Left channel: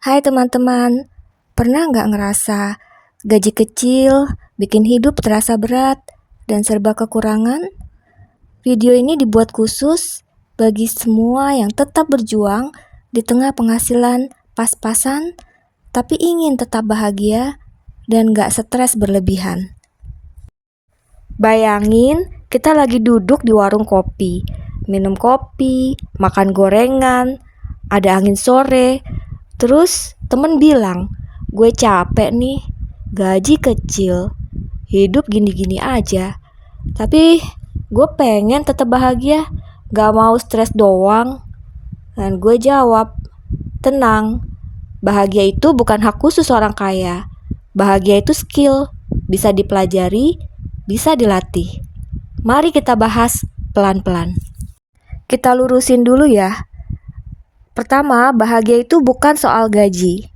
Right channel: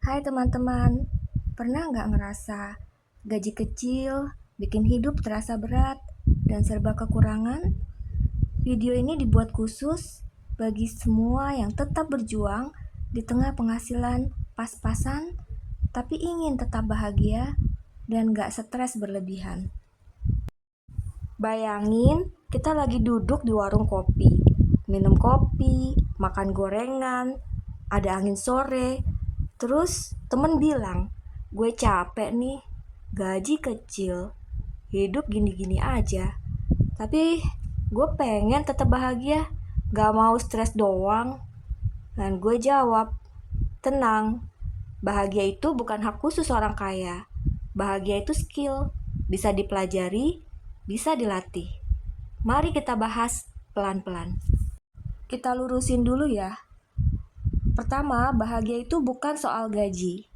Hai teman-teman, pernah nggak ngerasa gaji kecil bikin hidup terasa berat dan serba kekurangan? Video ini dibuat khusus bagi semua yang tetap berjuang di tengah penghasilan pas-pasan, tapi ingin tetap bahagia dan nggak stres berlebihan. Bayangin kita lagi duduk di warung kopi, minum kopi, makan gorengan, ada angin sore. Terus temen bilang, gue capek nih, gaji kecil, hidup gini-gini aja. Tapi gue pengen tetap bahagia, gak mau stres doang. Dan gue jawab, tenang, bahagia itu bukan hak khusus orang kaya. Bahagia itu skill, bisa dipelajari, bisa dilatih. Mari kita bahas pelan-pelan. Kita lurusin dulu ya. Pertama, bahagia itu bukan soal gaji.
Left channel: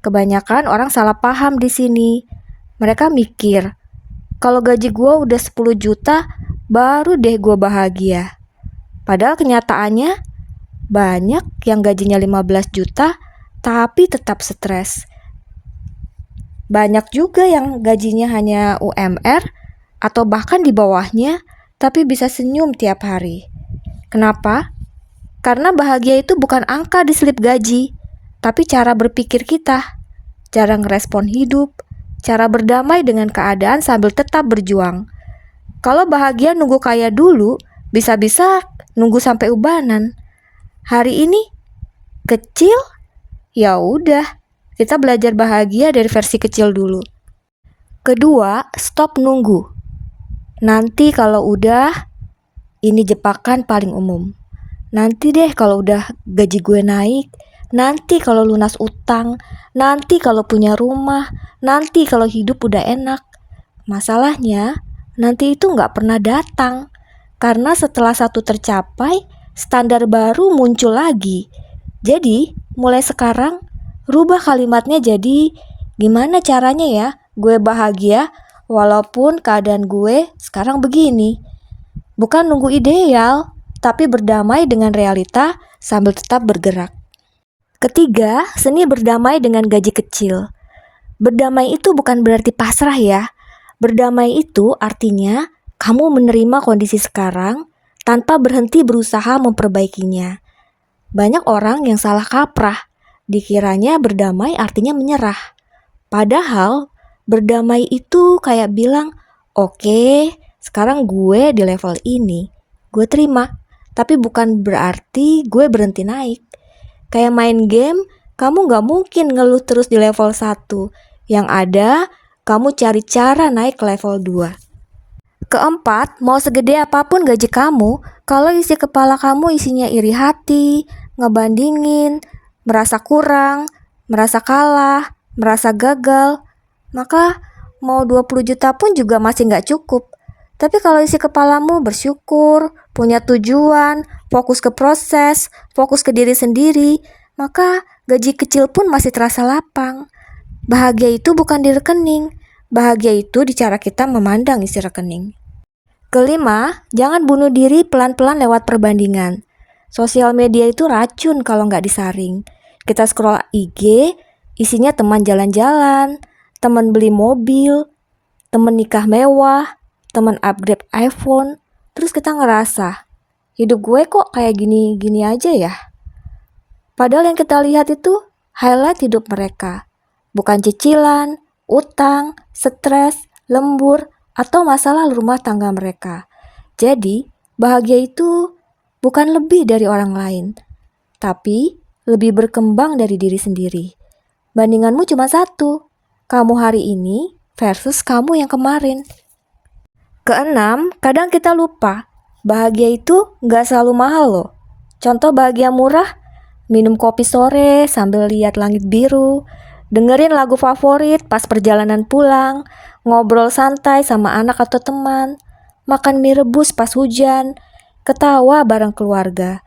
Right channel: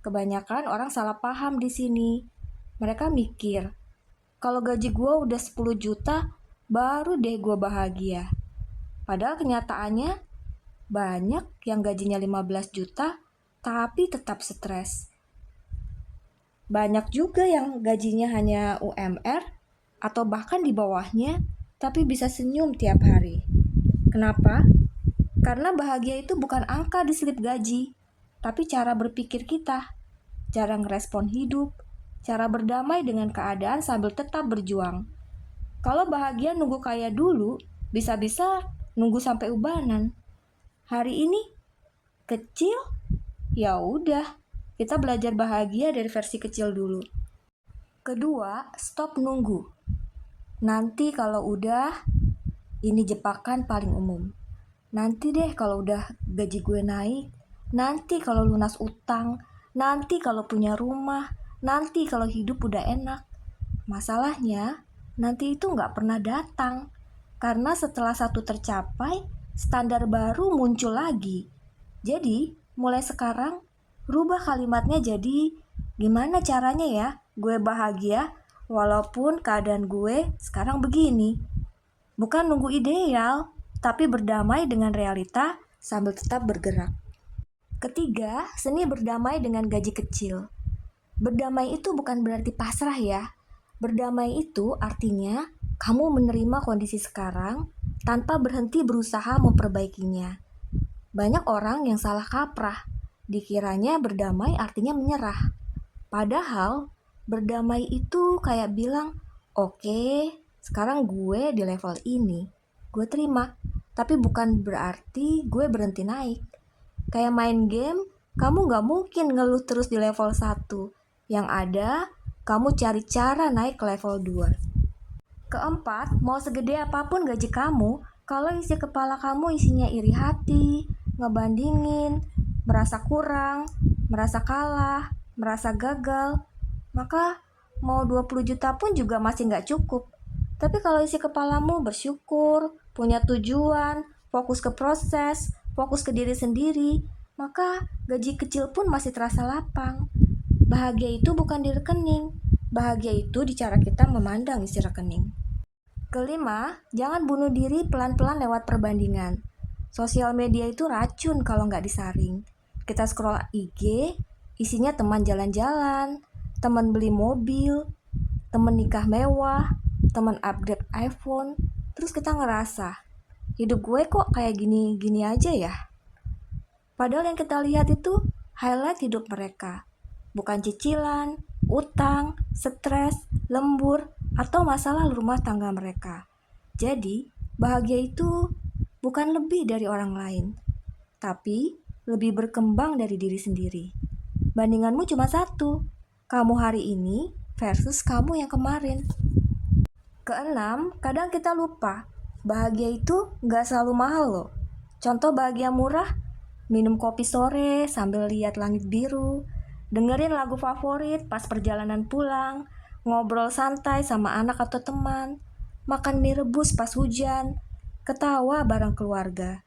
Kebanyakan orang salah paham di sini. Mereka mikir, kalau gaji gue udah 10 juta, baru deh gue bahagia. Padahal kenyataannya, banyak yang gajinya 15 juta, tapi tetap stres. Banyak juga yang gajinya hanya UMR, atau bahkan di bawahnya, tapi bisa senyum tiap hari. Kenapa? Karena bahagia itu bukan angka di slip gaji, tapi cara berpikir kita, cara ngerespon hidup, cara berdamai dengan keadaan sambil tetap berjuang. Kalau bahagia nunggu kaya dulu, bisa-bisa nunggu sampai ubanan. Hari ini kecil, ya udah, kita belajar bahagia dari versi kecil dulu. Kedua, stop nunggu. Nanti kalau udah, ini jebakan paling umum. Nanti deh kalau udah gaji gue naik, nanti kalau lunas utang, nanti kalau punya rumah, nanti kalau hidup udah enak. Masalahnya, nanti itu nggak pernah datang. Karena setelah satu tercapai, standar baru muncul lagi. Jadi, mulai sekarang, rubah kalimatnya jadi, gimana caranya ya gue bahagia walaupun keadaan gue sekarang begini. Bukan nunggu ideal, tapi berdamai dengan realita sambil tetap bergerak. Ketiga, seni berdamai dengan gaji kecil. Berdamai itu bukan berarti pasrah ya. Berdamai itu artinya kamu menerima kondisi sekarang tanpa berhenti berusaha memperbaikinya. Banyak orang yang salah kaprah, dikiranya berdamai artinya menyerah. Padahal berdamai itu kayak bilang, oke, sekarang gue di level ini, gue terima. Tapi bukan berarti gue berhenti naik. Kayak main game, kamu gak mungkin ngeluh terus di level 1. Yang ada, kamu cari cara naik ke level 2. Keempat, mau segede apapun gaji kamu, kalau isi kepala kamu isinya iri hati, ngebandingin, merasa kurang, merasa kalah, merasa gagal, maka mau 20 juta pun juga masih gak cukup. Tapi kalau isi kepalamu bersyukur, punya tujuan, fokus ke proses, fokus ke diri sendiri, maka gaji kecil pun masih terasa lapang. Bahagia itu bukan di rekening, bahagia itu di cara kita memandang isi rekening. Kelima, jangan bunuh diri pelan-pelan lewat perbandingan. Sosial media itu racun kalau nggak disaring. Kita scroll IG, isinya teman jalan-jalan, teman beli mobil, teman nikah mewah, teman upgrade iPhone. Terus kita ngerasa, hidup gue kok kayak gini-gini aja ya. Padahal yang kita lihat itu highlight hidup mereka, bukan cicilan, utang, stres, lembur, atau masalah rumah tangga mereka. Jadi, bahagia itu bukan lebih dari orang lain, tapi lebih berkembang dari diri sendiri. Bandinganmu cuma satu, kamu hari ini versus kamu yang kemarin. Keenam, kadang kita lupa, bahagia itu gak selalu mahal loh. Contoh bahagia murah, minum kopi sore sambil lihat langit biru, dengerin lagu favorit pas perjalanan pulang, ngobrol santai sama anak atau teman, makan mie rebus pas hujan, ketawa bareng keluarga.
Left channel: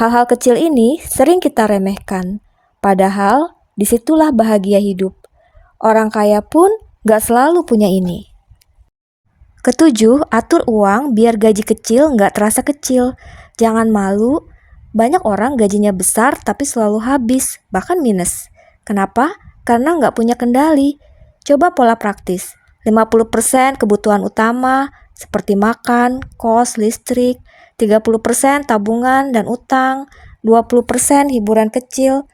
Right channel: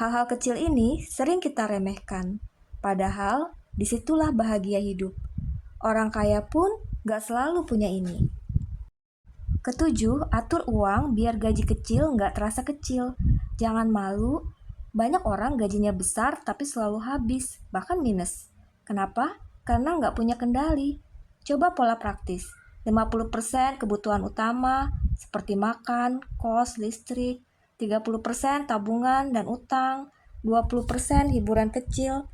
Hal-hal kecil ini sering kita remehkan, padahal disitulah bahagia hidup. Orang kaya pun gak selalu punya ini. Ketujuh, atur uang biar gaji kecil nggak terasa kecil. Jangan malu, banyak orang gajinya besar tapi selalu habis, bahkan minus. Kenapa? Karena nggak punya kendali. Coba pola praktis. 50% kebutuhan utama seperti makan, kos, listrik, 30% tabungan dan utang, 20% hiburan kecil.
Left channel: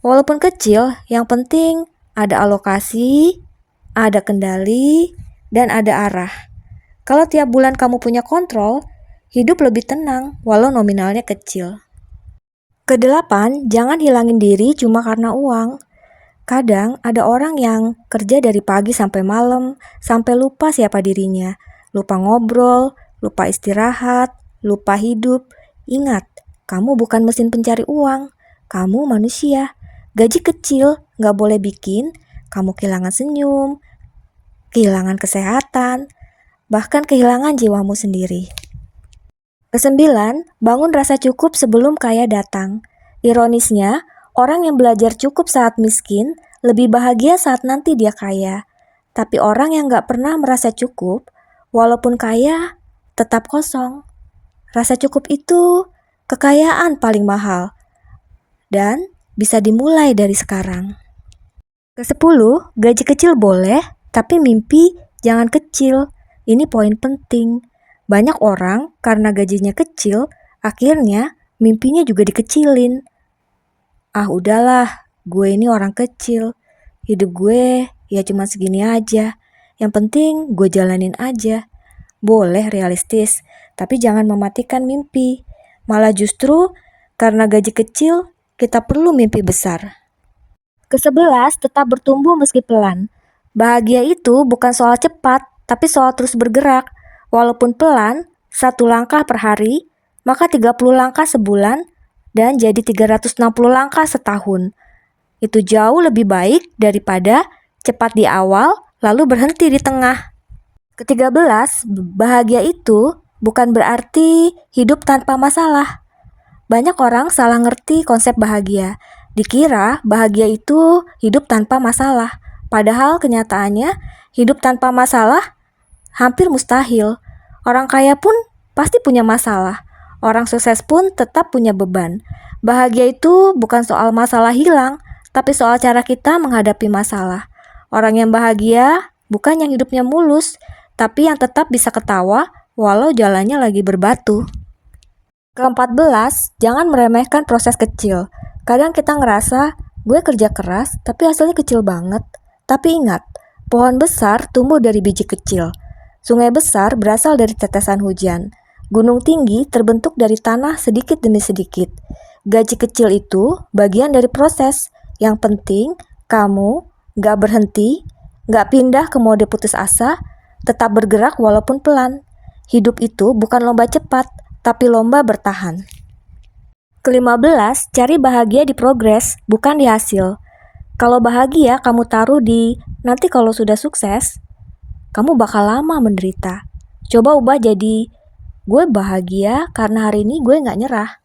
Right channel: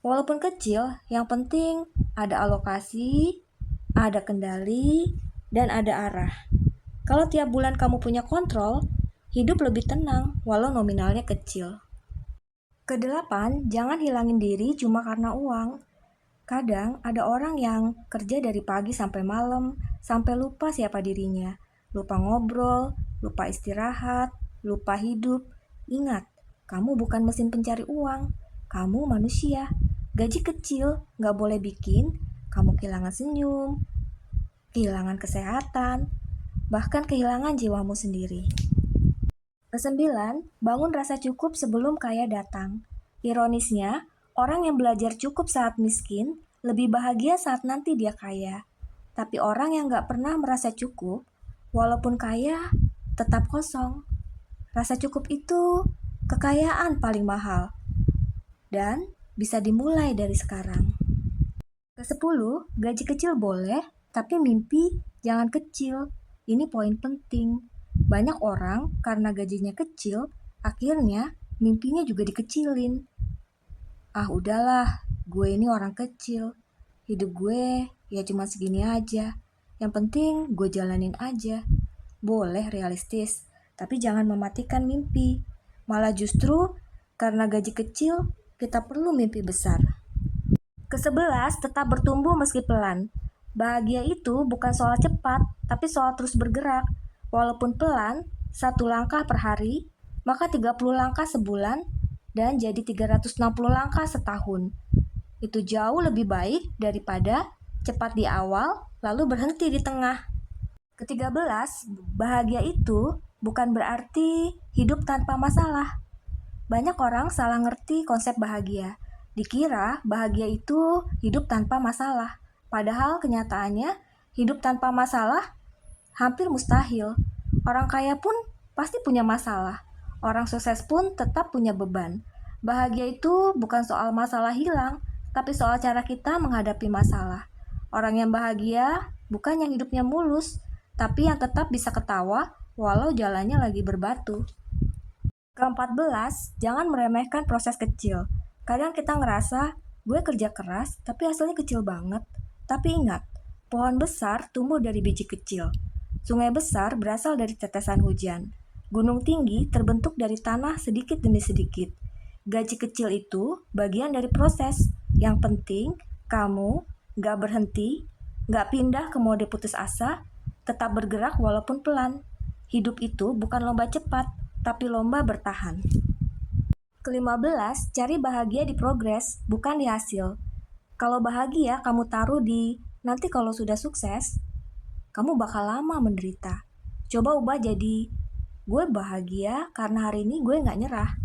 Walaupun kecil, yang penting ada alokasi, ada kendali, dan ada arah. Kalau tiap bulan kamu punya kontrol, hidup lebih tenang walau nominalnya kecil. Kedelapan, jangan hilangin diri cuma karena uang. Kadang ada orang yang kerja dari pagi sampai malam, sampai lupa siapa dirinya. Lupa ngobrol, lupa istirahat, lupa hidup. Ingat, kamu bukan mesin pencari uang, kamu manusia. Gaji kecil nggak boleh bikin kamu kehilangan senyum, kehilangan kesehatan, bahkan kehilangan jiwamu sendiri. Kesembilan, bangun rasa cukup sebelum kaya datang. Ironisnya, orang yang belajar cukup saat miskin lebih bahagia saat nanti dia kaya. Tapi orang yang gak pernah merasa cukup, walaupun kaya, tetap kosong. Rasa cukup itu kekayaan paling mahal dan bisa dimulai dari sekarang. Kesepuluh, gaji kecil boleh, tapi mimpi jangan kecil. Ini poin penting. Banyak orang karena gajinya kecil, akhirnya mimpinya juga dikecilin. Ah udahlah, gue ini orang kecil. Hidup gue ya cuma segini aja. Yang penting gue jalanin aja. Boleh realistis, tapi jangan mematikan mimpi. Malah justru karena gaji kecil, kita perlu mimpi besar. Ke-11, tetap bertumbuh meski pelan. Bahagia itu bukan soal cepat, tapi soal terus bergerak. Walaupun pelan, 1 langkah per hari, maka 30 langkah sebulan, dan jadi 360 langkah setahun. Itu jauh lebih baik daripada cepat di awal, lalu berhenti di tengah. Ke-13, bahagia itu bukan berarti hidup tanpa masalah. Banyak orang salah ngerti konsep bahagia. Dikira bahagia itu hidup tanpa masalah. Padahal kenyataannya hidup tanpa masalah hampir mustahil. Orang kaya pun pasti punya masalah. Orang sukses pun tetap punya beban. Bahagia itu bukan soal masalah hilang, tapi soal cara kita menghadapi masalah. Orang yang bahagia bukan yang hidupnya mulus, tapi yang tetap bisa ketawa walau jalannya lagi berbatu. Ke-14, jangan meremehkan proses kecil. Kadang kita ngerasa, gue kerja keras tapi hasilnya kecil banget. Tapi ingat, pohon besar tumbuh dari biji kecil. Sungai besar berasal dari tetesan hujan. Gunung tinggi terbentuk dari tanah sedikit demi sedikit. Gaji kecil itu bagian dari proses. Yang penting, kamu gak berhenti, gak pindah ke mode putus asa, tetap bergerak walaupun pelan. Hidup itu bukan lomba cepat, tapi lomba bertahan. Ke-15, cari bahagia di progres, bukan di hasil. Kalau bahagia kamu taruh di nanti kalau sudah sukses, kamu bakal lama menderita. Coba ubah jadi, gue bahagia karena hari ini gue gak nyerah.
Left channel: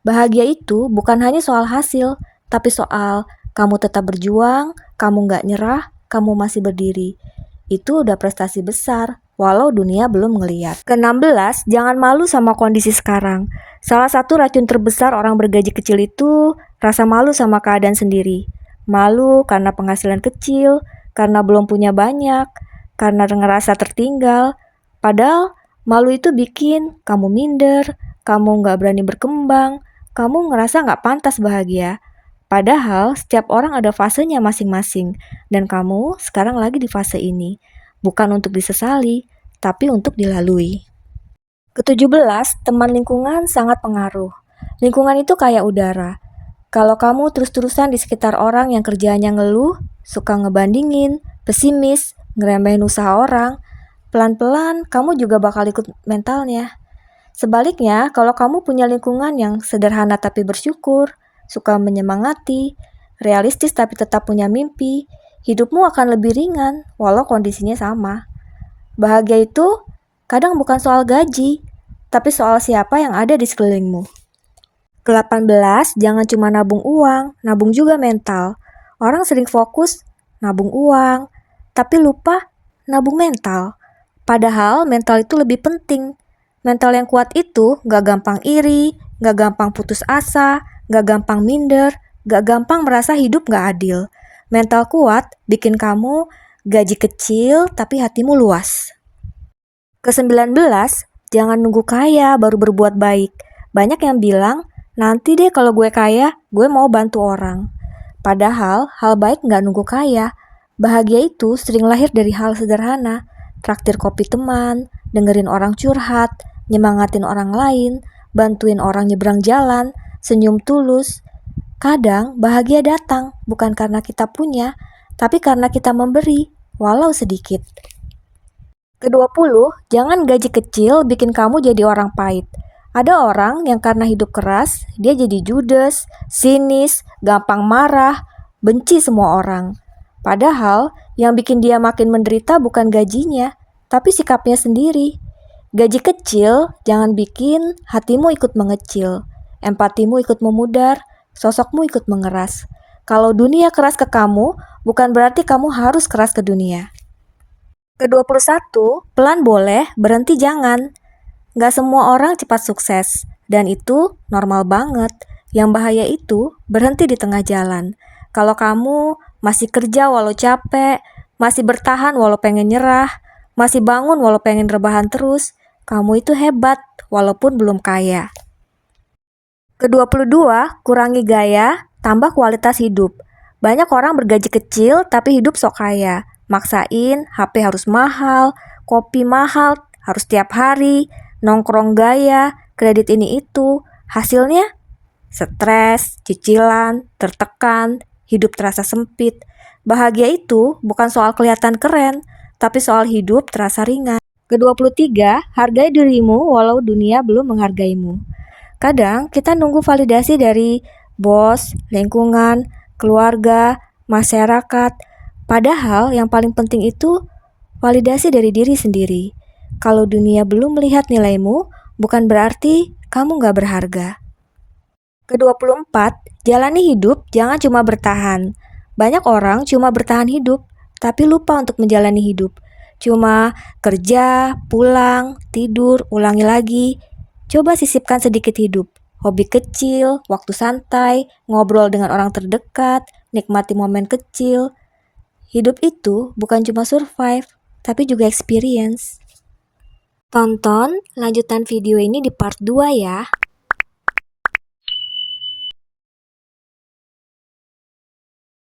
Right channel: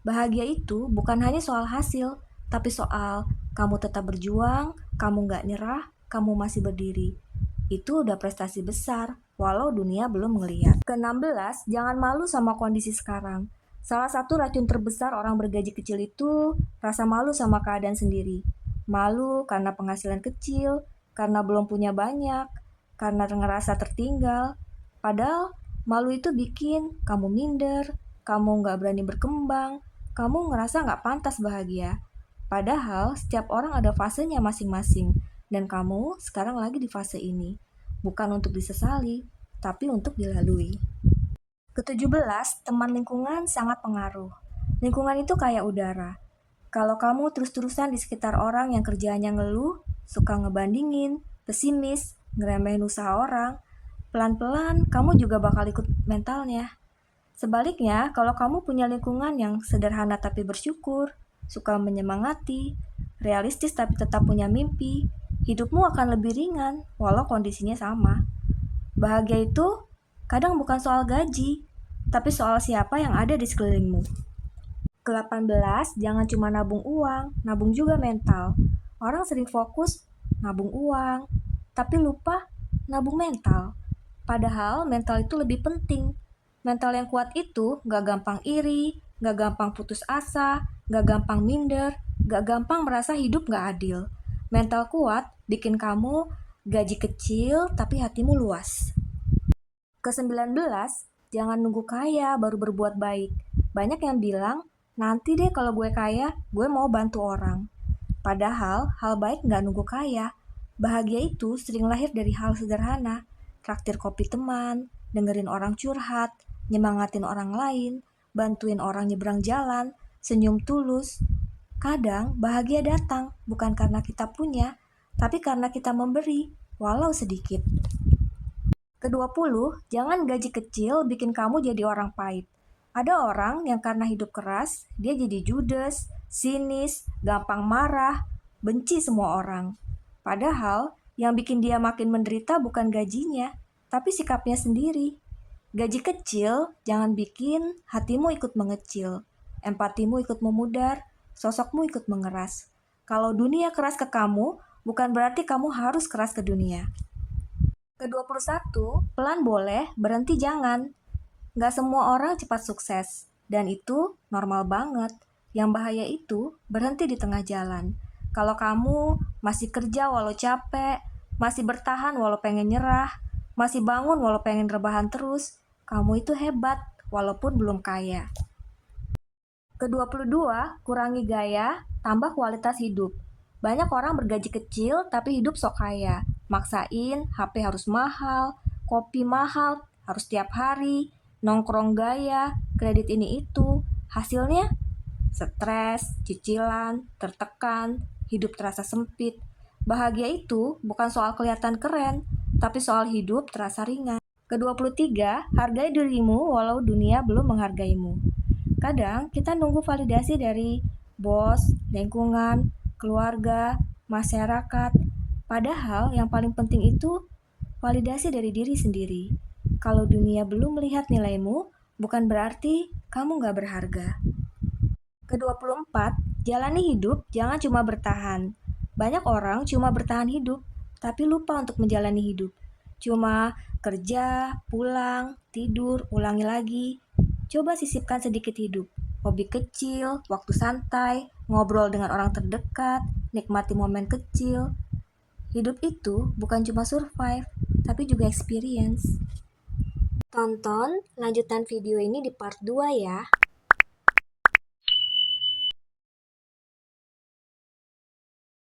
Bahagia itu bukan hanya soal hasil, tapi soal kamu tetap berjuang, kamu gak nyerah, kamu masih berdiri. Itu udah prestasi besar, walau dunia belum ngeliat. Ke-16, jangan malu sama kondisi sekarang. Salah satu racun terbesar orang bergaji kecil itu rasa malu sama keadaan sendiri. Malu karena penghasilan kecil, karena belum punya banyak, karena ngerasa tertinggal. Padahal malu itu bikin kamu minder, kamu gak berani berkembang, kamu ngerasa gak pantas bahagia. Padahal setiap orang ada fasenya masing-masing, dan kamu sekarang lagi di fase ini. Bukan untuk disesali, tapi untuk dilalui. Ke-17, teman lingkungan sangat pengaruh. Lingkungan itu kayak udara. Kalau kamu terus-terusan di sekitar orang yang kerjaannya ngeluh, suka ngebandingin, pesimis, ngeremehin usaha orang, pelan-pelan kamu juga bakal ikut mentalnya. Sebaliknya, kalau kamu punya lingkungan yang sederhana tapi bersyukur, suka menyemangati, realistis tapi tetap punya mimpi, hidupmu akan lebih ringan walau kondisinya sama. Bahagia itu kadang bukan soal gaji, tapi soal siapa yang ada di sekelilingmu. Ke-18, jangan cuma nabung uang, nabung juga mental. Orang sering fokus nabung uang, tapi lupa nabung mental. Padahal mental itu lebih penting. Mental yang kuat itu gak gampang iri, gak gampang putus asa, gak gampang minder, Gak gampang merasa hidup gak adil. Mental kuat bikin kamu gaji kecil tapi hatimu luas. Ke-19, jangan nunggu kaya baru berbuat baik. Banyak yang bilang, nanti deh kalau gue kaya, gue mau bantu orang. Padahal, hal baik gak nunggu kaya. Bahagia itu sering lahir dari hal sederhana. Traktir kopi teman, dengerin orang curhat, nyemangatin orang lain, bantuin orang nyebrang jalan, senyum tulus. Kadang bahagia datang bukan karena kita punya, tapi karena kita memberi, walau sedikit. Ke-20, jangan gaji kecil bikin kamu jadi orang pahit. Ada orang yang karena hidup keras, dia jadi judes, sinis, gampang marah, benci semua orang. Padahal, yang bikin dia makin menderita bukan gajinya, tapi sikapnya sendiri. Gaji kecil jangan bikin hatimu ikut mengecil, empatimu ikut memudar, sosokmu ikut mengeras. Kalau dunia keras ke kamu, bukan berarti kamu harus keras ke dunia. Ke-21, pelan boleh, berhenti jangan. Gak semua orang cepat sukses, dan itu normal banget. Yang bahaya itu berhenti di tengah jalan. Kalau kamu masih kerja walau capek, masih bertahan walau pengen nyerah, masih bangun walau pengen rebahan terus, kamu itu hebat walaupun belum kaya. Ke-22, kurangi gaya, tambah kualitas hidup. Banyak orang bergaji kecil tapi hidup sok kaya. Maksain HP harus mahal, kopi mahal, harus tiap hari, nongkrong gaya, kredit ini itu. Hasilnya stres, cicilan, tertekan, hidup terasa sempit. Bahagia itu bukan soal kelihatan keren, tapi soal hidup terasa ringan. Ke-23, hargai dirimu walau dunia belum menghargaimu. Kadang kita nunggu validasi dari bos, lingkungan, keluarga, masyarakat. Padahal yang paling penting itu validasi dari diri sendiri. Kalau dunia belum melihat nilaimu, bukan berarti kamu gak berharga. Ke-24, jalani hidup jangan cuma bertahan. Banyak orang cuma bertahan hidup, tapi lupa untuk menjalani hidup. Cuma kerja, pulang, tidur, ulangi lagi. Coba sisipkan sedikit hidup. Hobi kecil, waktu santai, ngobrol dengan orang terdekat, nikmati momen kecil. Hidup itu bukan cuma survive, tapi juga experience. Tonton lanjutan video ini di part 2 ya.